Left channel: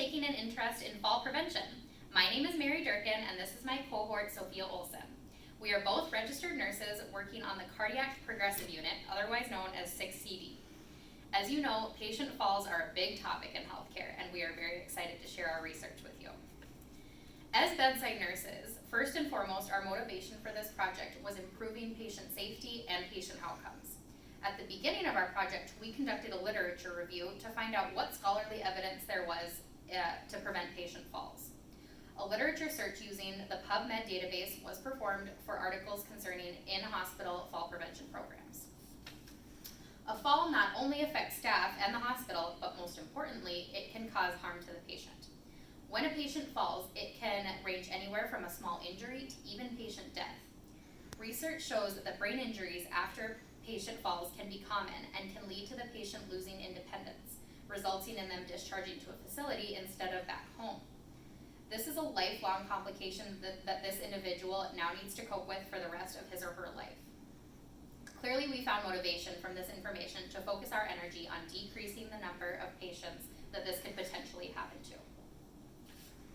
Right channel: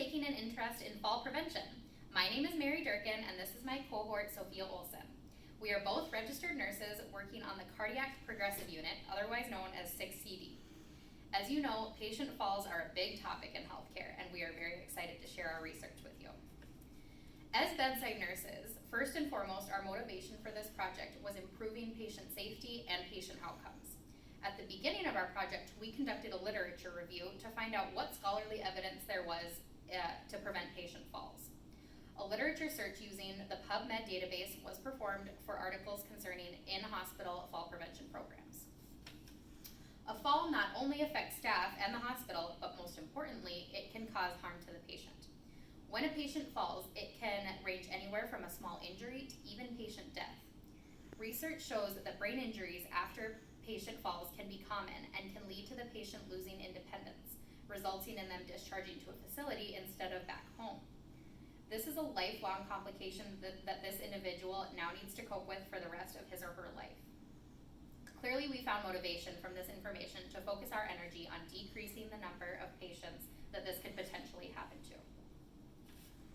taking an interest in fall prevention. My name is Mary Durkin, and this is my cohort, Sophia Olson. We are both registered nurses working on the Cardiac Progressive Unit, otherwise known as 6CD. As you know, patient falls are a big topic in healthcare, and we are very excited to share our research with you. As bedside nurses, first and foremost, our motivation for this project was improving patient safety and patient outcomes. At the beginning of our project, we conducted a literature review to find out what scholarly evidence there was to prevent patient falls. A literature search using the PubMed database was performed for articles concerning in-hospital fall prevention programs. A fall not only affects staff and the hospital, but most importantly, it can cause harm to the patient. When a patient falls, it can range anywhere from a small injury to even patient death. Research shows that brain injuries after patient falls can be common and can lead to the patient losing independence, resulting in them discharging to a facility instead of back home. This is a lifelong complication that this individual now needs to cope with for the rest of his or her life. Clearly, we found motivation from this information to focus our energy on decreasing the number of patients that this could potentially happen to.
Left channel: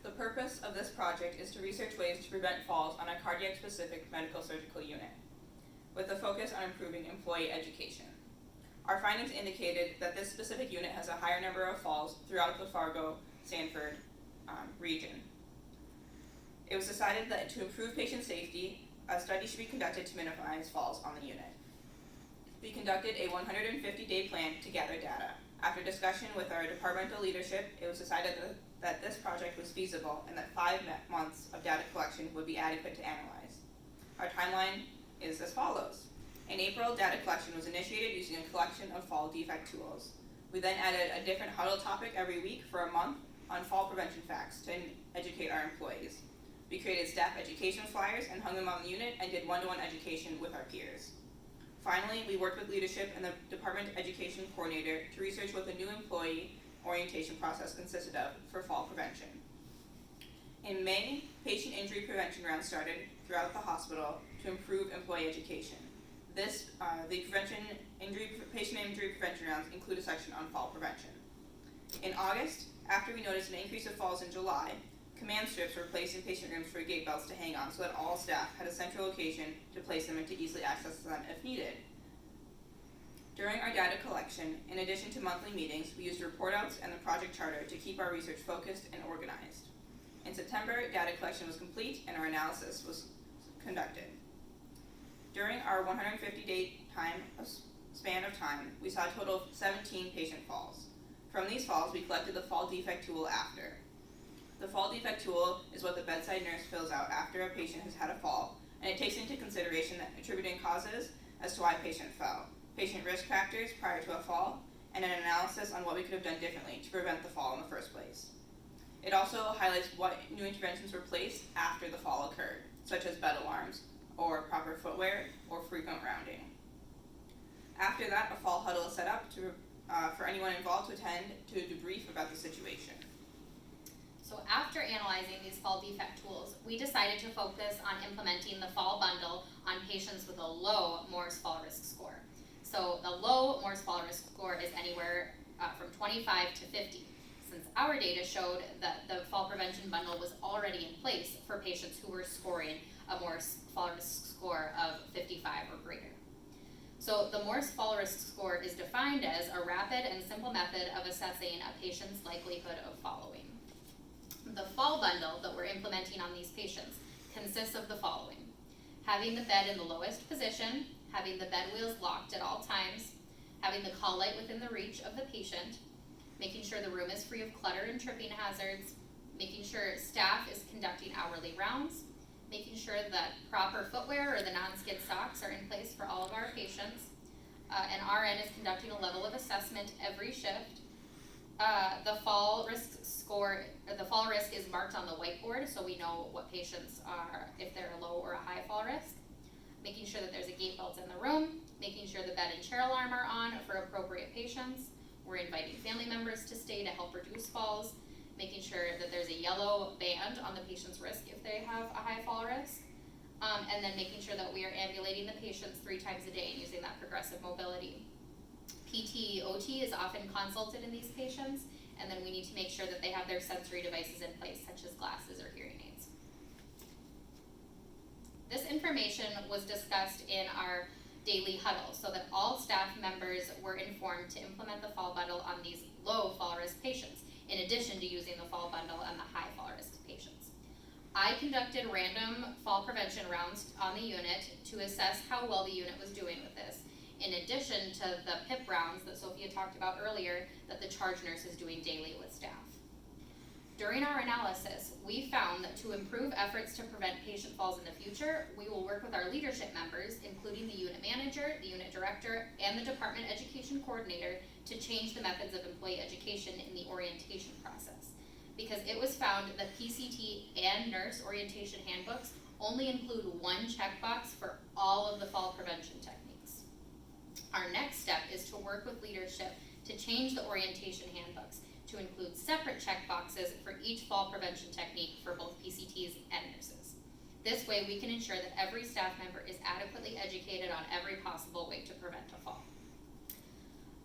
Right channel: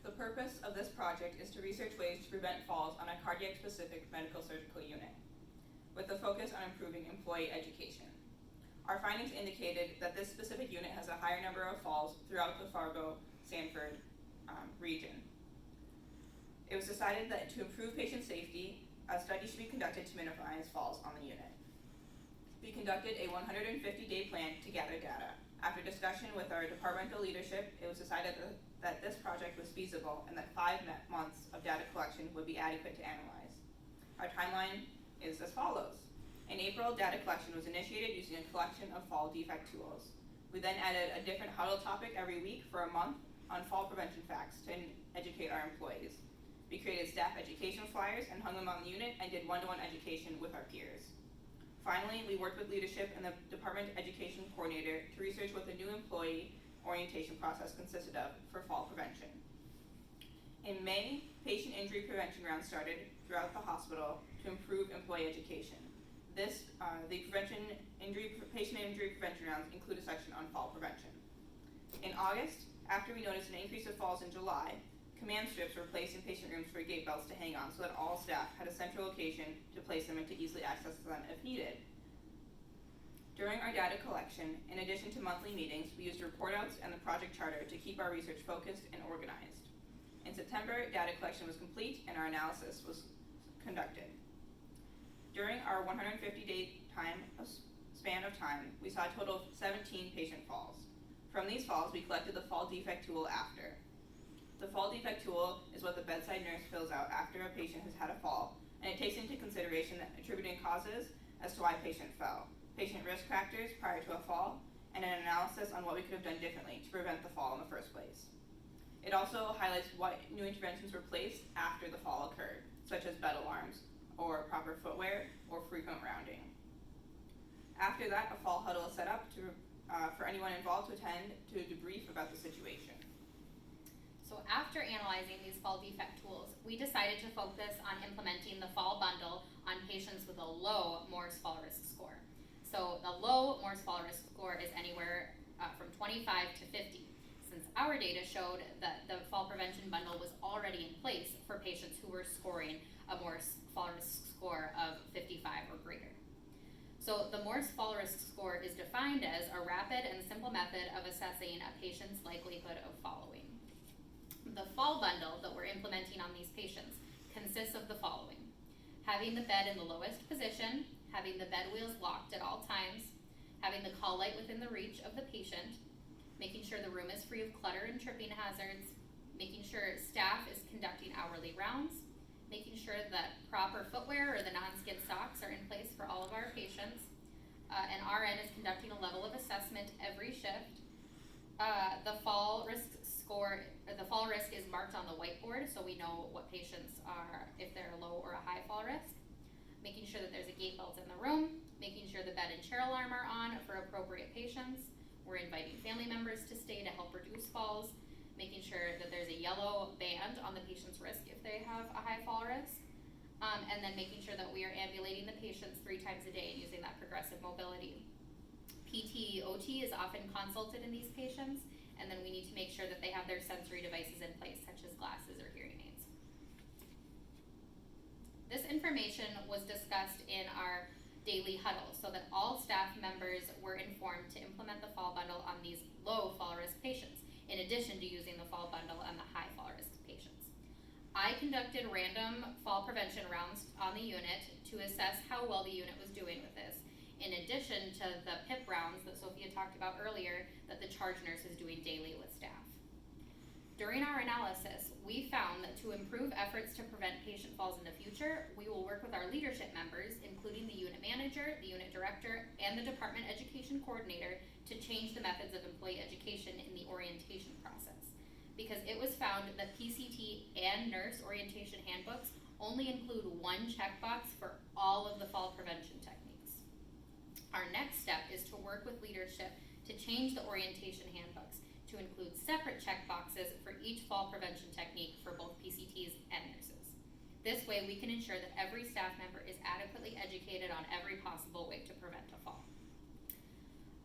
The purpose of this project is to research ways to prevent falls on a cardiac-specific medical surgical unit, with a focus on improving employee education. Our findings indicated that this specific unit has a higher number of falls throughout the Fargo, Sanford region. It was decided that to improve patient safety, a study should be conducted to minimize falls on the unit. We conducted a 150-day plan to gather data. After discussion with our departmental leadership, it was decided that this project was feasible and that 5 months of data collection would be adequate to analyze. Our timeline is as follows. In April, data collection was initiated using a collection of fall defect tools. We then added a different huddle topic every week for a month on fall prevention facts to educate our employees. We created staff education flyers and hung them on the unit and did one-to-one education with our peers. Finally, we worked with leadership and the department education coordinator to research what the new employee orientation process consisted of for fall prevention. In May, patient injury prevention rounds started throughout the hospital to improve employee education. The patient injury prevention rounds include a section on fall prevention. In August, after we noticed an increase of falls in July, command strips were placed in patient rooms for gate belts to hang on so that all staff had a central location to place them and to easily access them if needed. During our data collection, in addition to monthly meetings, we used report outs and the project charter to keep our research focused and organized. In September, data collection was complete and our analysis was conducted. During our 150-day span of time, we saw a total of 17 patient falls. From these falls, we collected the fall defect tool after. The fall defect tool is what the bedside nurse fills out after a patient has had a fall, and it takes into consideration attributing causes as to why a patient fell, patient risk factors prior to a fall, and an analysis on what we could have done differently to prevent the fall in the first place. It also highlights what new interventions were placed after the fall occurred, such as bed alarms, or proper footwear, or frequent rounding. After that, a fall huddle is set up for anyone involved to attend to debrief about the situation. So after analyzing these fall defect tools, we decided to focus on implementing the fall bundle on patients with a low Morse fall risk score. So the low Morse fall risk score is anywhere from 25 to 50. Since our data showed that the fall prevention bundle was already in place for patients who were scoring a Morse fall risk score of 55 or greater. So the Morse fall risk score is defined as a rapid and simple method of assessing a patient's likelihood of following. The fall bundle that we're implementing on these patients consists of the following: having the bed in the lowest position, having the bed wheels locked at all times, having the call light within the reach of the patient, making sure the room is free of clutter and tripping hazards, making sure staff is conducting hourly rounds, making sure that proper footwear or the non-skid socks are in place for all of our patients, and RN is conducting a level of assessment every shift. The fall risk is marked on the whiteboard, so we know what patients are, if they're a low or a high fall risk. Making sure that there's a gate belt in the room, making sure the bed and chair alarm are on for appropriate patients. We're inviting family members to stay to help reduce falls, making sure that there's a yellow band on the patient's wrist if they have a high fall risk, and then making sure that we are ambulating the patients 3 times a day and using that progressive mobility. PT, OT is often consulted in these patients, and then we need to make sure that they have their sensory devices in place, such as glasses or hearing aids. This information was discussed in our daily huddle so that all staff members were informed to implement the fall bundle on these low fall risk patients, in addition to using the fall bundle on the high fall risk patients. I conducted random fall prevention rounds on the unit to assess how well the unit was doing with this, in addition to the PIP rounds that Sophia talked about earlier that the charge nurse is doing daily with staff. During our analysis, we found that to improve efforts to prevent patient falls in the future, we will work with our leadership members, including the unit manager, the unit director, and the department education coordinator, to change the methods of employee education in the orientation process. Because it was found that PCT and nurse orientation handbooks only include one checkbox for all of the fall prevention techniques. Our next step is to work with leadership to change the orientation handbooks to include separate checkboxes for each fall prevention technique for both PCTs and nurses. This way we can ensure that every staff member is adequately educated on every possible way to prevent a fall.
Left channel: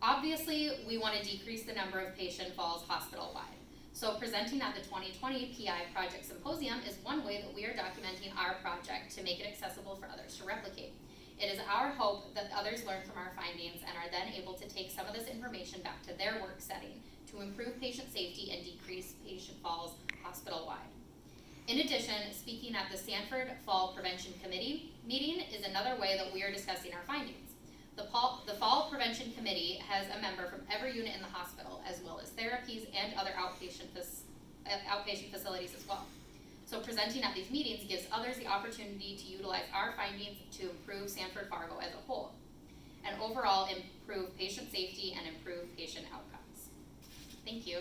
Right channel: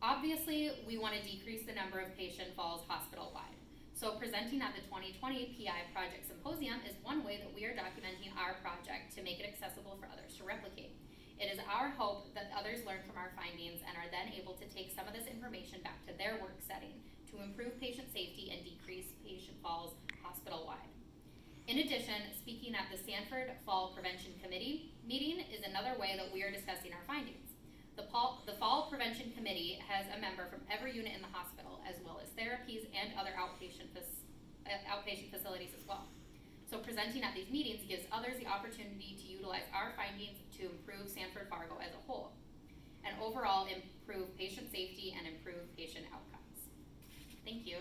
Obviously, we want to decrease the number of patient falls hospital-wide. So presenting at the 2020 PI Project Symposium is one way that we are documenting our project to make it accessible for others to replicate. It is our hope that others learn from our findings and are then able to take some of this information back to their work setting to improve patient safety and decrease patient falls hospital-wide. In addition, speaking at the Sanford Fall Prevention Committee meeting is another way that we are discussing our findings. The Fall Prevention Committee has a member from every unit in the hospital, as well as therapies and other outpatient facilities as well. So presenting at these meetings gives others the opportunity to utilize our findings to improve Sanford Fargo as a whole, and overall improve patient safety and improve patient outcomes. Thank you.